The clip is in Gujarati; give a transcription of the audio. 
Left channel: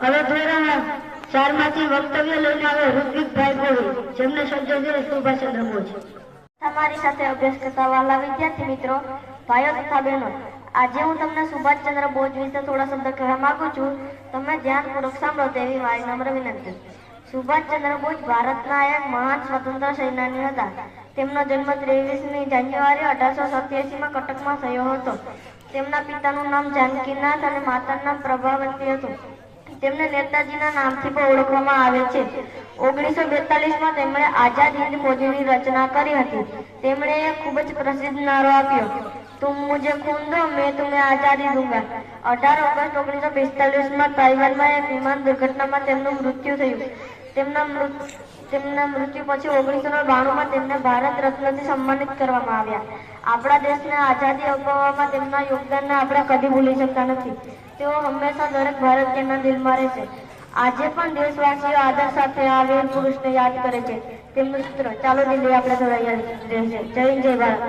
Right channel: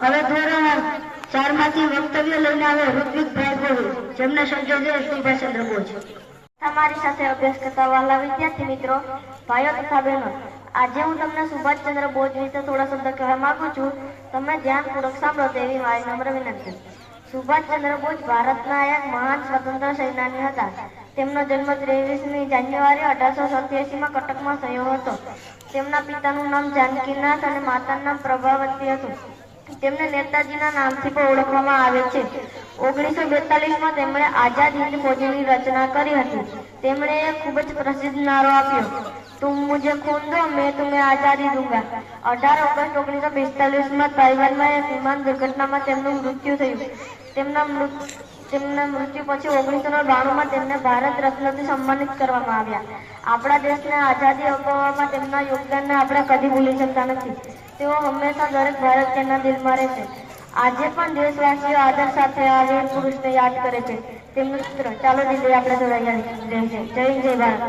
હવે ધોરણ ચારમાંથી વક્તવ્ય લઈને આવે ઋત્વિકભાઈ ગોહિલ જેમને છે સુભાષચંદ્ર બોઝ. તમારી સાથે અભ્યાસ કરતા વહાલા વિદ્યાર્થી મિત્રો, ભાઈઓ તથા બહેનો, આજે હું તમને સુભાષચંદ્ર બોઝ વિશે થોડા શબ્દ કહેવા માંગુ છું. તમે ધ્યાનપૂર્વક સાંભળો તેવી મારી નમ્ર વિનંતી. સુભાષચંદ્ર બોઝ ભારતના એક મહાન સ્વતંત્ર સેનાની હતા. તેમનો જન્મ ત્રેવીસમી જાન્યુઆરી અઢારસો સત્યાસીમાં કટકમાં થયો હતો. તેમના પિતાનું નામ જાનકીનાથ અને માતાનું નામ પ્રભાવતી હતું. તેમને નેતાજીના નામથી પણ ઓળખવામાં આવે છે. ઓગણીસો બેતાલીસમાં તેમણે આઝાદ હિન્દ ફોજની રચના કરી હતી. તેમણે ખૂબ જ પ્રસિદ્ધ નારો આપ્યો. તું મુજે ખૂન દો મેં તુમ્हें આઝાદી દૂંગા. અઢાર ઓગસ્ટ ઓગણીસો બેતાલીસમાં તાઇવાનમાં એક વિમાન દુર્ઘટનામાં તેમનું મૃત્યુ થયું. તેમના મૃત તેમના મૃત્યુ પછી ઓગણીસો બાણુંમાં તેમને ભારત રત્નથી સન્માનિત કરવામાં આવ્યા. આપણા દેશને આઝાદી અપાવવામાં તેમના યોગદાનને આપણે કદી ભૂલી શકતા નથી. તેઓ હંમેશા દરેક ભારતીયના દિલમાં રહેશે. આજે પણ દેશવાસીઓ આદર સાથે આ વીર પુરુષને યાદ કરે છે. તેમનું સૂત્ર ચાલો દિલ્હી આપણે જોડાઈ જય. જય ભારત.